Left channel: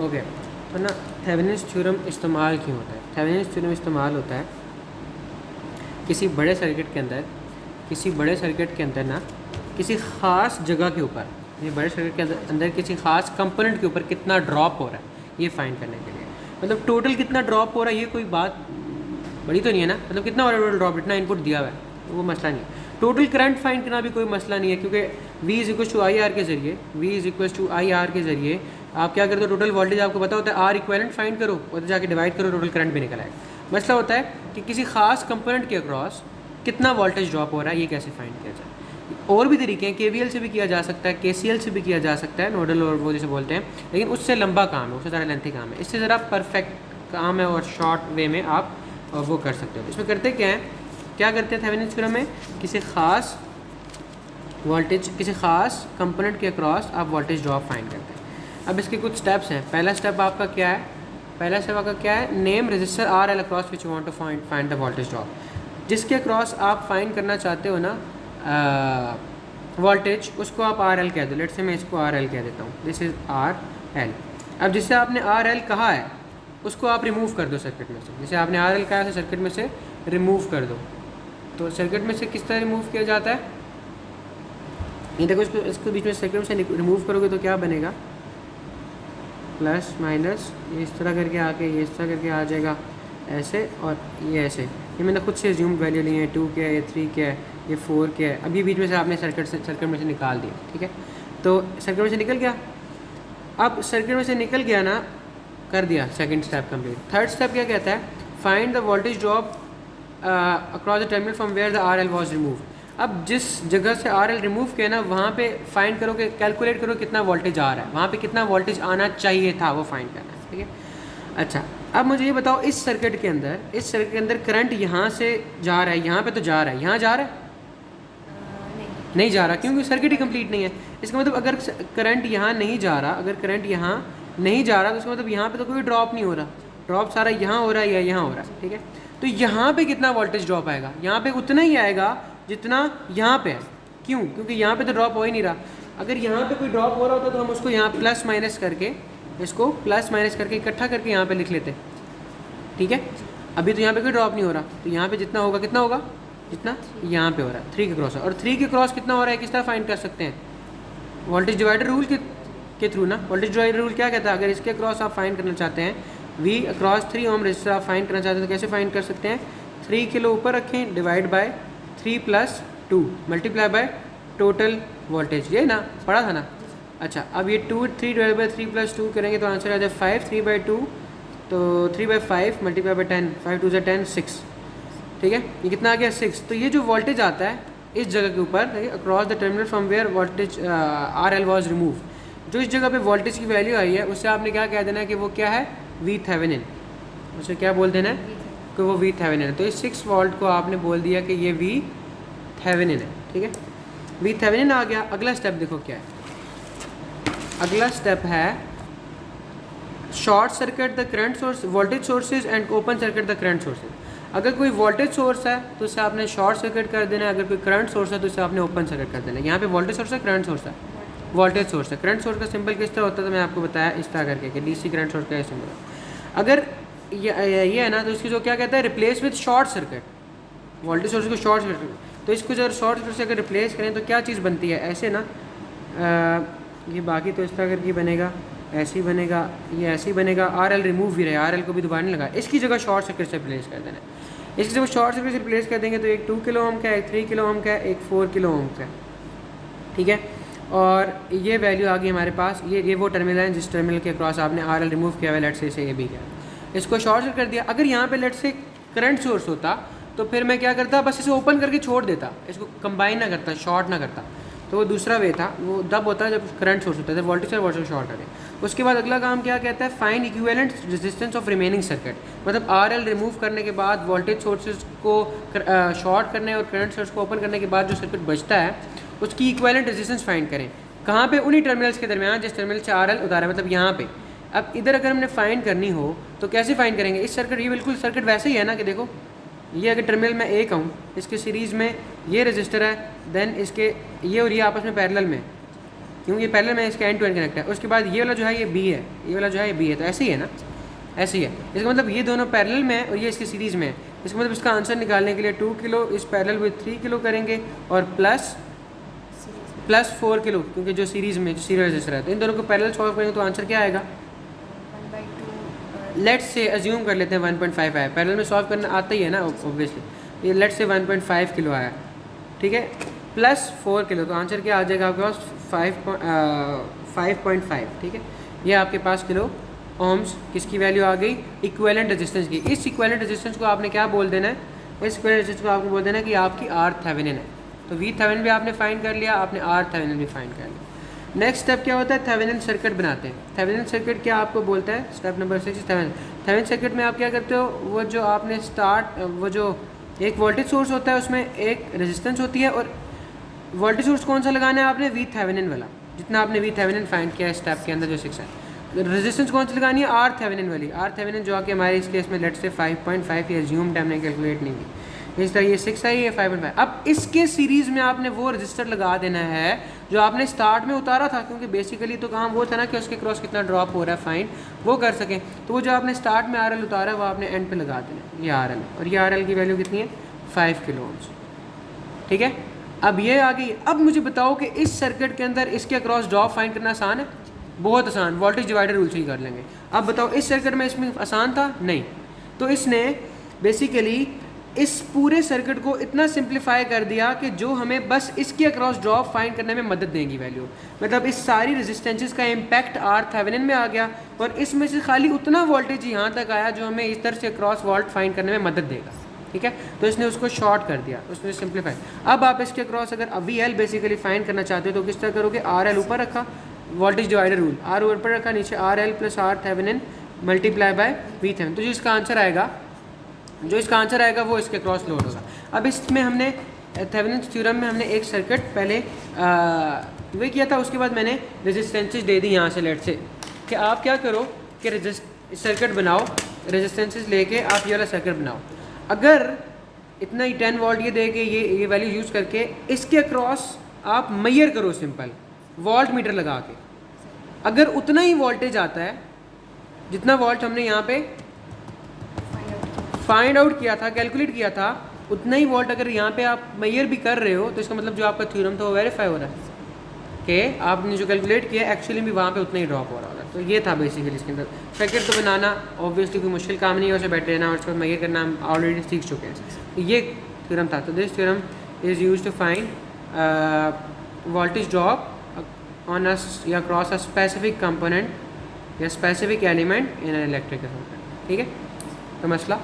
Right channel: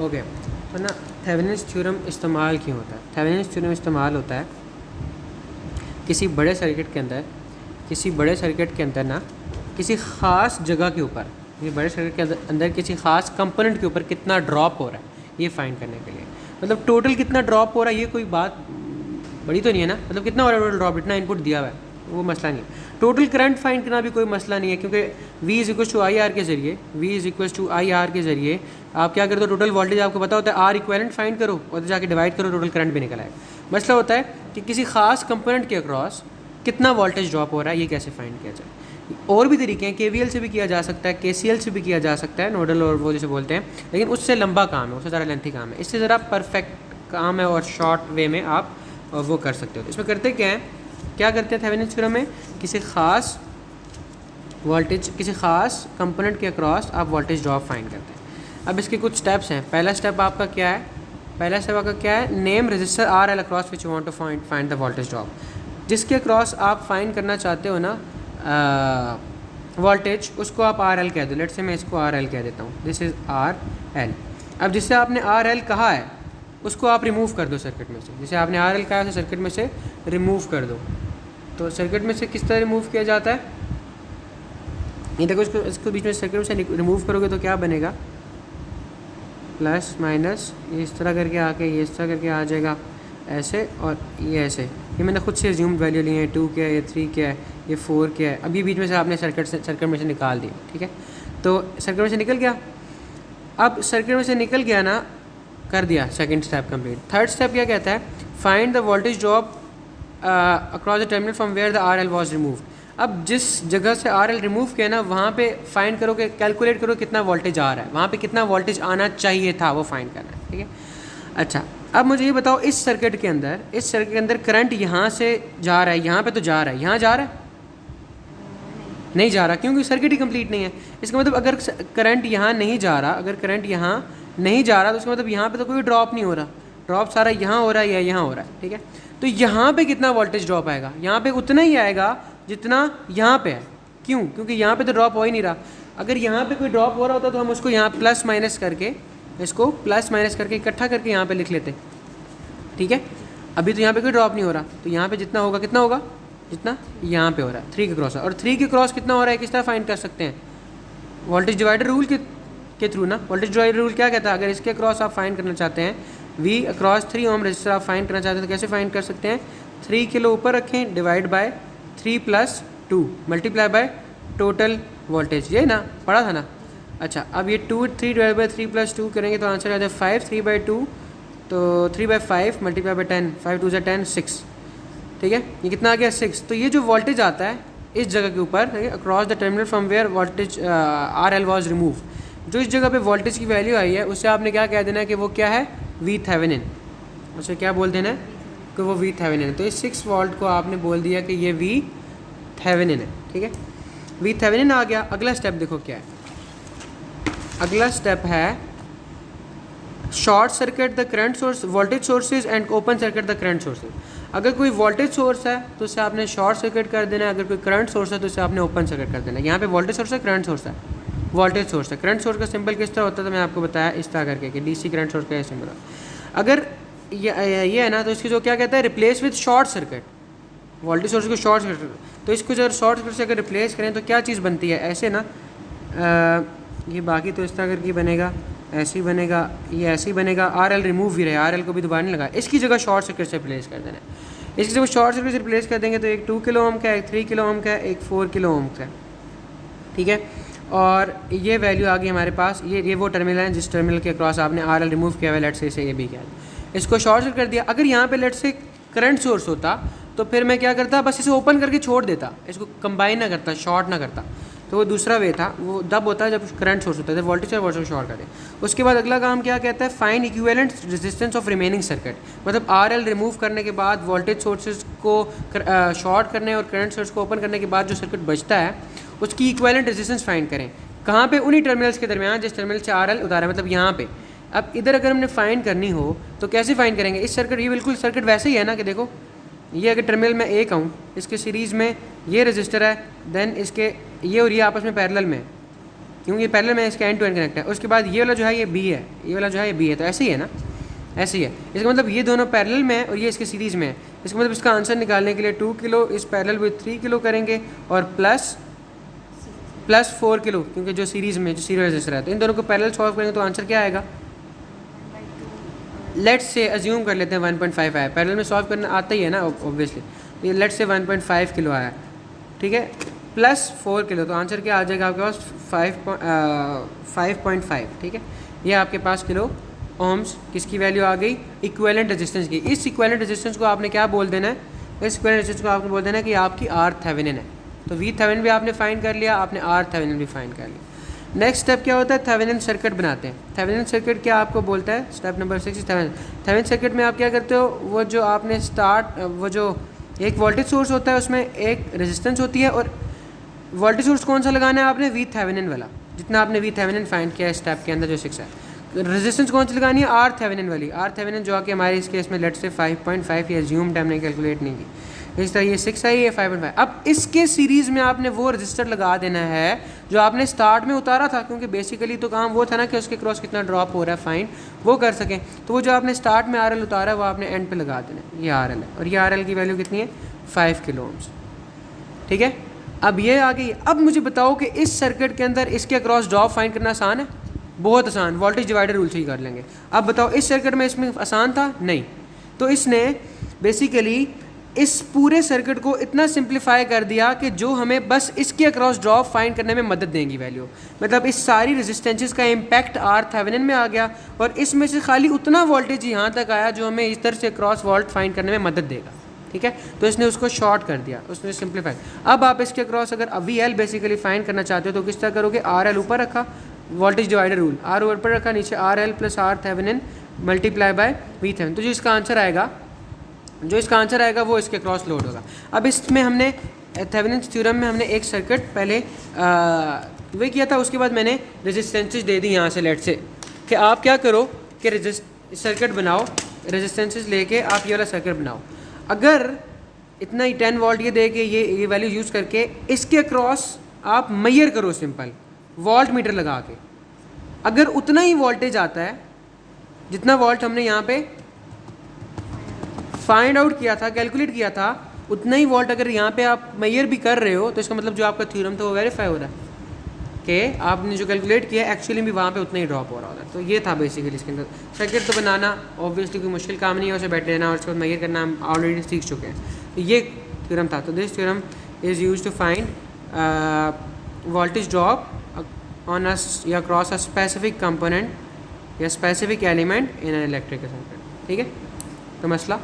Okay, तो ना Thevenin's theorem इस्तेमाल क्यों होता है? थेवेनिन्स थ्योरम इस्तेमाल होता है किसी बड़े सर्किट के अंदर ना किसी ख़ास जगह के ऊपर, ये बड़े सर्किट के अंदर किसी ख़ास कंपोनेंट के ऊपर कितना ड्रॉप हो रहा है ये फाइंड करने के लिए। मतलब टोटल कितना ड्रॉप हो रहा है, ये कोई बात बड़ी तो नहीं है ना, मतलब कितना हो रहा है टोटल ड्रॉप, इतना इनपुट दिया हुआ है, वो मसला नहीं है। टोटल करंट फाइंड करना भी कोई मसला नहीं है, क्योंकि V is equal to I R के ज़रिए आप क्या करते हो, टोटल वोल्टेज आपको पता होता है, आर इक्वेलेंट फाइंड करो और जाके डिवाइड करो, टोटल करंट भी निकल आएगा। मसला होता है कि किसी खास कंपोनेंट के अक्रॉस कितना वोल्टेज ड्रॉप हो रहा है, ये कैसे फाइंड किया जाए। और भी तरीके हैं, KVL से भी किया जा सकता है, KCL से भी किया जा सकता है, नोडल और वो जिसे बोलते हैं, लेकिन उससे लंबा काम है, उससे ज़्यादा लेंथी काम है। इससे ज़रा परफेक्ट काम है और शॉर्ट वे में आप वो कर सकते हो। इसमें करते क्या करते हैं थेवेनिन्स थ्योरम में, किसी ख़ास वोल्टेज, किसी ख़ास कंपोनेंट के अक्रॉस आप वोल्टेज ड्रॉप फाइंड करते हैं। अब इसके कुछ स्टेप्स हैं। पहला स्टेप आपका क्या है, name register R L across which you want to find the voltage drop. जिसके अक्रॉस आप फाइंड करना चाहते हो ना वोल्टेज, उसको आप आर एल कह दो। लेट्स से मैं इसको आर एल कह देता हूँ, दिस इज़ आर एल। अब जिससे आपने आर एल कहा है उसको आप रिमूव कर दो सर्किट में से। जैसे आपने आर एल कहा है सर्किट में से रिमूव कर दो, तो सर्किट में से किस तरह रिमूव किया जाता है, ये देखो, इसको बीच में सर्किट से रिमूव करोगे तो क्या बनेगा, प्लस माइनस, ये इस तरह करके आके ये इस तरह करके आ जाएगा ऐसे, और ये ऐसे। ये मैंने खुद से एज्यूम वैल्यू ली है, 2 क्या है, ये 3 क्या है, ये 4 क्या है। अभी बीच में से आपने सर्किट में से निकाल दिया, ठीक है। तो सर्किट में से निकल गया। अब सर्किट में से निकल गया ना, कर दिया second step complete. Third step क्या कहता है, find the voltage drop across the terminal from where the R L was remove. अब जिस जगह से आर एल रिमूव किया ना, वहाँ पे फाइंड करो कि कैलकुलेट करो कितना वोल्टेज आ रहा है, वहाँ पे कितना वोल्टेज आना चाहिए था, वो फाइंड करना है, ठीक है। अच्छा, अब मुझे ये बताओ, इस सर्किट के अंदर करंट यहाँ से जा रहा है, यहाँ पे तो जा रहा है, यहाँ जा रहा है, नहीं जा रहा, क्योंकि सर्किट ही कंप्लीट नहीं है। इसका मतलब अगर करंट यहाँ नहीं जा रहा, तो उसका मतलब यहाँ पे तो कोई ड्रॉप नहीं हो रहा, ड्रॉप सारा यहाँ हो रहा है या यहाँ हो रहा है, ठीक है। तो यहाँ पे कितना वोल्टेज ड्रॉप आएगा, यहाँ पे उतना ही आएगा जितना यहाँ पे है। क्यों? क्योंकि यहाँ पे तो ड्रॉप हो ही नहीं रहा। अगर यहाँ पे कोई ड्रॉप हो रहा होता तो हम उसको यहाँ प्लस माइनस करके, इसको प्लस माइनस करके इकट्ठा करके यहाँ पे लिख लेते, ठीक है। अभी तो यहाँ पे कोई ड्रॉप नहीं हो रहा, तो यहाँ पे जितना होगा कितना होगा, जितना यहाँ पे हो रहा है 3 के क्रॉस। और 3 के क्रॉस कितना हो रहा है, किस तरह फाइंड कर सकते हैं, वोल्टेज डिवाइडर रूल के थ्रू ना। वोल्टेज डिवाइडर रूल क्या कहता है, अगर इसके क्रॉस आप फाइंड करना चाहते हैं, V अक्रॉस 3 ओम रेजिस्टर आप फाइंड करना चाहते हैं, तो कैसे फाइंड कर सकते हैं, 3 किलो ऊपर रखें, divide by 3 + 2 multiply by total voltage, ये ना पढ़ा था ना। अच्छा, अब ये 3 डिवाइड बाई 3 + 2 करेंगे तो आंसर आ जाए 5, 3/2, तो 3/5 मल्टीप्लाई बाई 10, 5 2 10 6, ठीक है। ये कितना आ गया 6। तो ये जो वोल्टेज आता है इस जगह के ऊपर, across the terminal from where voltage R L was remove, जो इस जगह पे वोल्टेज की वैल्यू आई है उससे आपने क्या कह देना है कि वो क्या है, V थेवेनिन। उसे क्या बोल देना है कि वो V थेवेनिन है। तो इस 6 वोल्ट को आपने बोल दिया कि ये V थेवेनिन है, ठीक है। V थेवेनिन आ गया। अगला स्टेप देखो क्या है, अगला स्टेप है short circuit the current source, voltage sources and open circuit the current sources. अगर कोई वोल्टेज सोर्स है तो उसे आपने शॉर्ट सर्किट कर देना है, अगर कोई करंट सोर्स है तो उसे आपने ओपन सर्किट कर देना है। यहाँ पे वोल्टेज सोर्स है, करंट सोर्स है, वोल्टेज सोर्स है। करंट सोर्स का सिंबल किस तरह होता है, तो मैं आपको बताया इस तरह करके कि DC करंट सोर्स का ये सिंबल है। अगर ये है ना, तो इसको जो क्या कहता है, replace with short circuit, voltage source को शॉर्ट सर्किट, तो इसको जब शॉर्ट सर्किट से अगर रिप्लेस करें तो क्या चीज़ बनती है, ऐसे ना, ये बाकी तो इस तरह करके बनेगा, ऐसे ही बनेगा, ये ऐसे ही बनेगा। आर एल रिमूव भी रहे, आर एल को भी दोबारा नहीं लगा, इसकी जगह शॉर्ट सर्किट से रिप्लेस कर देना है। इसकी जगह शॉर्ट सर्किट से रिप्लेस कर देंगे तो एक 2 किलो ओम का, एक 3 किलो ओम का, एक 4 किलो ओम का, ठीक है। और ये वैल्यू आ गई हमारे पास, ये वो टर्मिनल है जिस टर्मिनल के क्रॉस आपने आर एल रिमूव किया हुआ, लेट से इसे ये भी किया, इसको शॉर्ट सर्किट कर दिया। अगर यहाँ पे लेट से करंट सोर्स होता तो फिर मैं क्या करता, बस इसे ओपन करके छोड़ देता, इसको कंबाइन ना करता, शॉर्ट ना करता। तो वो दूसरा वे था, वो तब होता है जब करंट सोर्स होता है, जब वोल्टेज और वोल्टेज शॉर्ट करें। उसके बाद अगला काम क्या कहता है, find equivalent resistance of remaining circuit. मतलब आर एल रिमूव करने के बाद वोल्टेज सोर्सेज को शॉर्ट करने और करंट सोर्स को ओपन करने के बाद जो सर्किट बचता है उसकी इक्विवेलेंट रेजिस्टेंस फाइंड करें। कहाँ पे, उन्हीं टर्मिनल्स के दरमियान जिस टर्मिनल से आर एल उतारा है, मतलब यहाँ पे। अब इधर अगर हमने फाइंड करनी हो तो कैसे फाइंड करेंगे, इस सर्किट, ये बिल्कुल सर्किट वैसे ही है ना कि देखो, ये अगर टर्मिनल में एक आऊँ, इसके सीरीज़ में ये रजिस्टर है, देन इसके ये और ये आपस में पैरेलल में, क्योंकि पैरेलल में इसका एंड टू एंड कनेक्ट है। उसके बाद ये वाला जो है ये बी है, ये वाला जो है ये बी है, तो ऐसे ही है ना, ऐसे ही है। इसका मतलब ये दोनों पैरेलल में है और ये इसके सीरीज़ में है। इसका मतलब इसका आंसर निकालने के लिए 2 किलो इस पैरेलल विद 3 किलो करेंगे और प्लस 4 किलो, क्योंकि जो सीरीज़ में जो सीरीज रजिस्टर है, तो इन दोनों को पैरेलल सॉल्व करेंगे तो आंसर क्या आएगा? लेट्स से अज्यूम कर लेते हैं 1.5 आया, पैरेलल में सॉल्व करना आता ही है ना ऑब्वियसली। ये लेट्स से 1.5 किलो आया, ठीक है, प्लस 4 किलो, तो आंसर क्या आ जाएगा आपके पास 5.5, ठीक है। ये आपके पास किलो ओम्स किसकी वैल्यू आ गई? इक्विवेलेंट रेजिस्टेंस की। इस इक्विवेलेंट रेजिस्टेंस को आपने क्या बोल देना है? इस इक्विवेलेंट रेजिस्टेंस को आपने बोल देना है कि आपकी आर थेवेनिन है। तो वी थेवेनिन भी आपने फाइंड कर लिया, आपने आर थेवेनिन भी फाइंड कर लिया। नेक्स्ट स्टेप क्या होता है? थेवेनिन सर्किट बनाते हैं। थेवेनिन सर्किट क्या आपको बोलता है? स्टेप नंबर 6 थेवेनिन सर्किट में आप क्या करते हो? वो जो आपने वो जो एक वोल्टेज सोर्स होता है उसमें एक रेजिस्टेंस होती है, और वोल्टेज सोर्स कौन सा लगाना है आपने? वी थेवेनिन वाला, जितना आपने वी थेवेनिन फाइंड किया स्टेप के अंदर जो 6 है। रेजिस्टेंस कौन सी लगानी है? आर थेवेनिन वाली। आर थेवेनिन जो कि हमारे इस केस में लेट से 5.5 ये अज्यूम्ड हमने कैलकुलेट नहीं की। इस तरह ये 6 है, ये 5.5। अब इसके सीरीज़ में आपने वो रजिस्टर लगा देना है जो आपने स्टार्ट में उतारा था, क्योंकि बेसिकली तो काम वो था ना कि उसके क्रॉस कितना ड्रॉप हो रहा है फाइंड वो कर सकें। तो वो जो आपने स्टार्ट में आर एल उतारा है वो आपने एंड पे लगा देना है, ये आर एल, और ये आर एल की वैल्यू कितनी है? 5 किलो ओम्स, ठीक है। अब ये आ गई। अब मुझे बताओ कि इस सर्किट के अंदर इसके क्रॉस ड्रॉप फाइंड करना आसान है? बहुत आसान, वोल्टेज डिवाइडर रूल से ही कर लेंगे। अब बताओ इस सर्किट में इसमें आसान था? नहीं। तो इसने बेसिकली इस पूरे सर्किट को इतना सिंप्लीफाई कर दिया कि जो हमें बस इसके अक्रॉस ड्रॉप फाइंड करने में मदद देंगी वैल्यू, मतलब इस सारी रेजिस्टेंसेस का इम्पैक्ट आर थेवेनिन में आ गया, और इसमें से खाली उतना वोल्टेज यहाँ तक आया जो हमें इस तरह से क्रॉस वोल्ट फाइंड करने में मदद देगा, ठीक है। तो इसने उसको शॉर्ट कर दिया, उसने सिंप्लीफाई। अब आप इसके अक्रॉस अगर वी एल बेसिकली फाइंड करना चाहते हो तो किस तरह करोगे? आर एल ऊपर रखा, वोल्टेज डिवाइडर रूल, आर ऊपर रखा, नीचे R L plus R Thevenin multiply by V Thevenin. तो जो इसका आंसर आएगा वो इसके क्रॉस लोड होगा। अब इसमें हमने थेवेनिन्स थ्योरम में हमने एक सर्किट पहले वे किया था, उसके बाद मैंने रेजिस्टेंसेस दे दी यहाँ से लेट से कि आप क्या करो कि सर्किट बनाओ, रेजिस्टेंसेस लेके आप ये वाला सर्किट बनाओ। अगर इतना ही 10 वोल्ट ये दे के ये वैल्यू यूज़ करके इसके क्रॉस आप मेजर करो सिंपल वोल्ट मीटर लगा के, अगर उतना ही वोल्टेज आता है जितना वोल्ट हमने यहाँ पे फाइंड आउट किया था, कैलकुलेट किया था, उतना ही वोल्ट अगर यहाँ पे आप मेजर भी कर रहे हो, तो इसका मतलब जो आपका थ्योरम था वो वेरीफाई हो रहा कि आपने जो कैलकुलेट किया एक्चुअली भी वहाँ पे उतना ही ड्रॉप हो रहा था। तो ये था बेसिकली इसके अंदर। सर्किट तो बनाना ऑब्वियसली कोई मुश्किल काम नहीं है, उसे बैठ लेना और उसको मेजर करना हम ऑलरेडी सीख चुके हैं। तो ये थ्योरम था। तो this theorem is use to find voltage drop on या क्रॉस अ स्पेसिफिक कंपोनेंट या specific element in an electrical circuit, ठीक है। तो मसला